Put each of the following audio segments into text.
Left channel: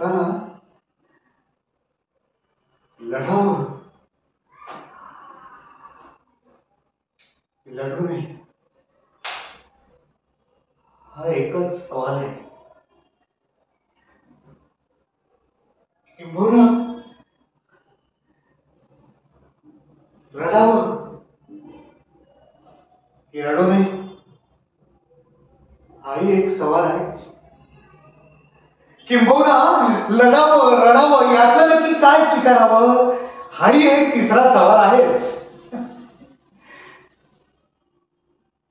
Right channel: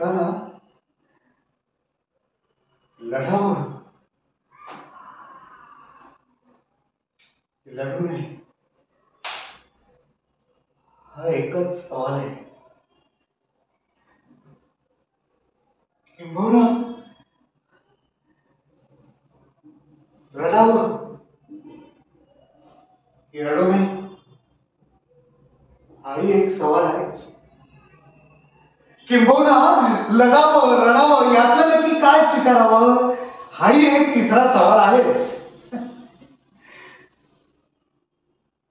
लढताना लढावं लढू नये हा एकच सवाल आहे. किंबहुना रडावं की रडू नये हाही एक सवाल आहेच. किंबहुना लढावं रडावं यातलं नक्की काय स्वीकारावं हाही एक तिसरा सवाल आहेच.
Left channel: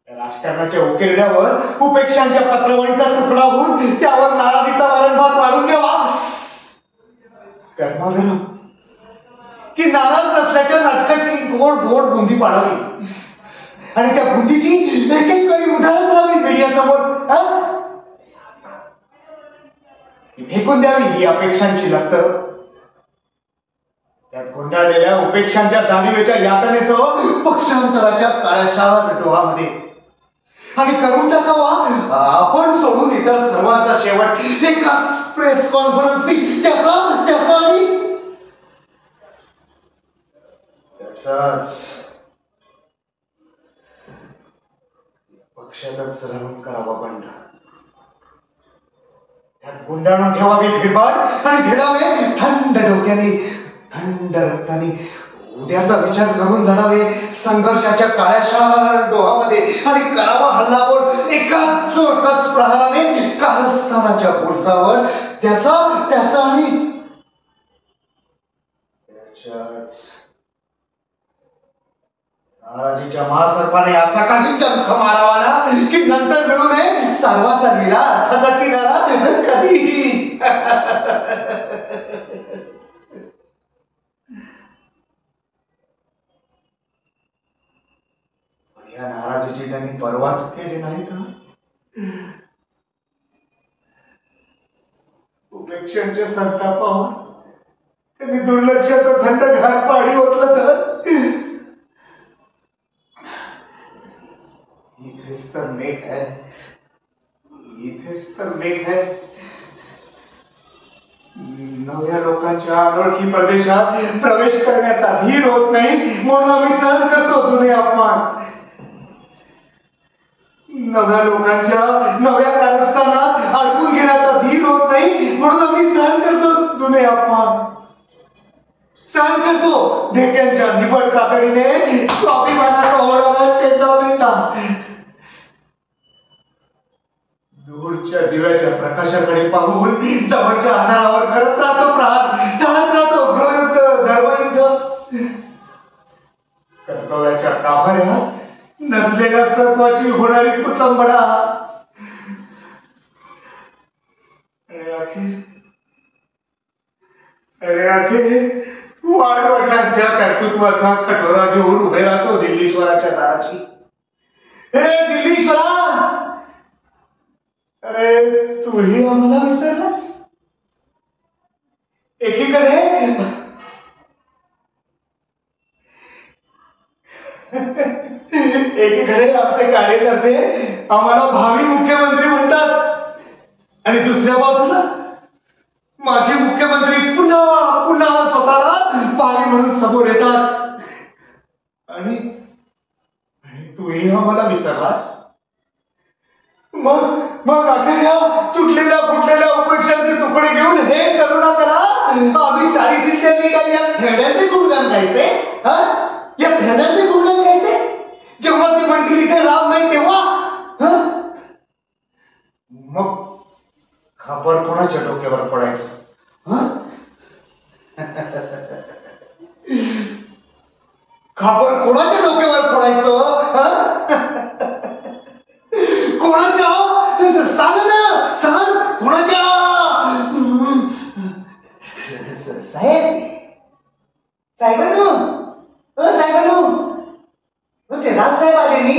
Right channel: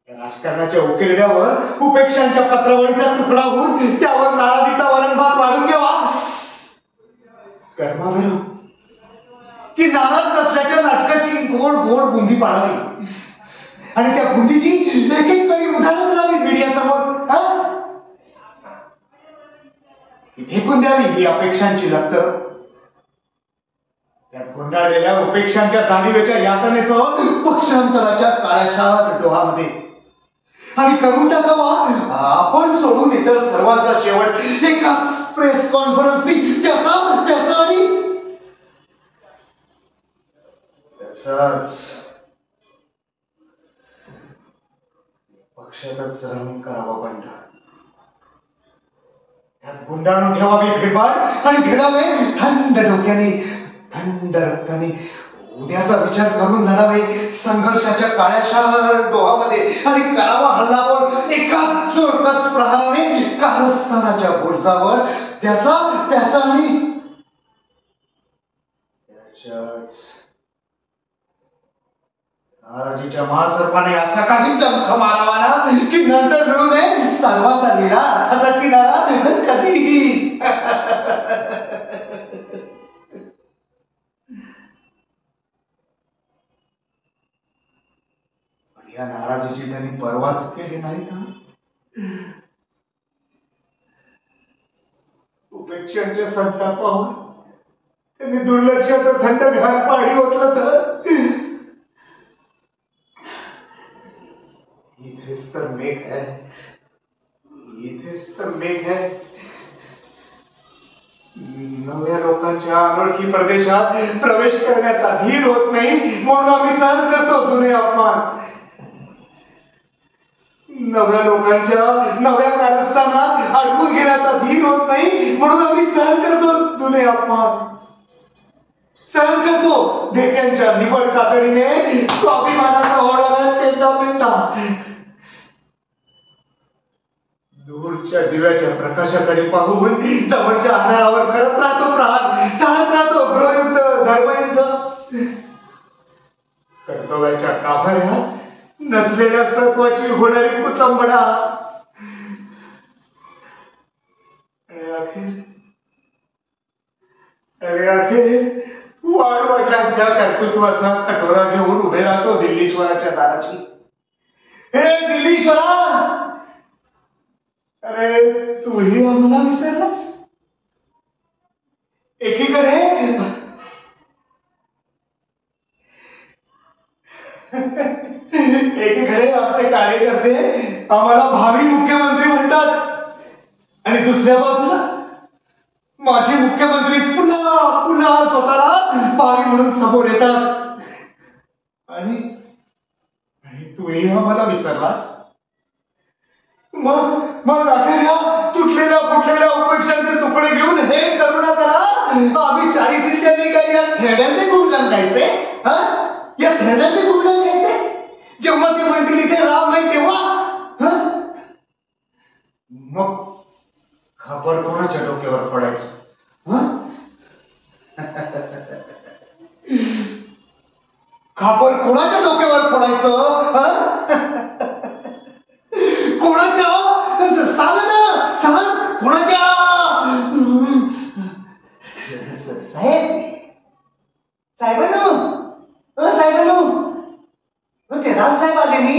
राजकारणाच्या उकिरड्यावर उपेक्षांच्या पत्रावळीचा तुकडा होऊन त्यावर नाराजीचा वरणभात वाढून द्यावा. गरमागरम की नाराज नसल्याच्या नाटकाची गोड गोड बुंदी पाडावी आणि त्या बुंदीची एक एक वेळी उदाहरण करावी मीडियासमोर. फेकून द्यावी ही अपेक्षांची लक्त. त्यात गुंडाळलेल्या उपेक्षांच्या जाणीवेच्या यातनेसह पक्षांतराच्या काळ्याशाळा डोहामध्ये आणि करून टाकावा आपण सोडून इतर सर्वांचा शेवट एकाच प्रेस कॉन्फरन्सनी त्याचा त्याचा आणि त्याचाच पक्षातच श्रवण करावा बंड. त्यात गुंडाळून ठेवावी भीडभाड आणि भिडावे थंड डोक्याने थंड रक्ताने. उद्याचा विचार करून लढावे संघर्षाच्या काळ्याशाळा डोहामध्ये आणि करावा हल्लाबोल एकाच जोरकस प्रहाराने कारस्थानाच्या बुरजावर त्याचा त्याचा आणि त्याच्याच. नाराजीच्या महासर्पाने असा काही जंख मारावा ना की नंतर मिळू नये सर्वासार्वीला अर्थाचा किनारा कधीही. या नाराजीची त्यांनी परवाच केली नाही का? उपेक्षांच्या संतापावर त्यांनी दुर्लक्षाचं थंडगार पाणी ओतलं तर इथेच तर मेघ है, इथेच तर मेघ है. नव्या लोकांच्या अनोळखी प्रदेशात प्रवेश करण्याचा धीर होत नाही म्हणून आम्ही सहन करतो जुने अपमान. नव्या लोकांच्या नव्या कारस्थानात अडकून घेण्याचा धीर होत नाही म्हणून आम्ही सहन करतो जुने अपमान. सहन करतो ढेक्यांच्या निबड कातडीने स्वाभिमानाचा होणारा चेंदामेंदा. दूरच्या दिव्याच्या प्रकाशाकडे पाहून जवळच्या अंधारावर करत राहतो प्रहार, टाळत राहतो गृहयुद्ध धर्मयुद्ध. कर्तव्याच्या गाभाऱ्यात नसलेल्या सत्वाची होणारी कुचंबडा. अखेर वाडवडिलांच्या कर्तृत्वाचा कटोरा घेऊन उभे राहतो दिल्लीश्वराच्या दाराची. हे दिल्लीश्वरा, अरे तूही आम्हाला विसरलास. एकीकडे एकीकडे आमचे कार्यकर्ते आम्हाला भावी मुख्यमंत्री म्हणतात आणि दुसऱ्या बाजूला माजी मुख्यमंत्री पुन्हा पुन्हा स्वतःला भावी म्हणून समोर येतात. आणि तूही आम्हाला विसरलास. मग मग अखेर या तुटलेल्या फुटलेल्या उपेक्षांचे तुकडे घेऊन हे करुणा करा आम्ही 40 सीटांनी काही या खेड्यांचे गुणगान गायचे. या खेड्यांचे गुणगान गायचे जेव्हा ते म्हणतील इथे राम नाही तेव्हा. मग खापर कोणाच्या डोक्यावर पडायचं? खापर कोणाच्या डोक्यावर पडायचं? कोणाच्या? सांग ना, सांग कोणाच्या? साहेब साहेबांनो, साहेबांनो, ते राजसाहेब आले नी.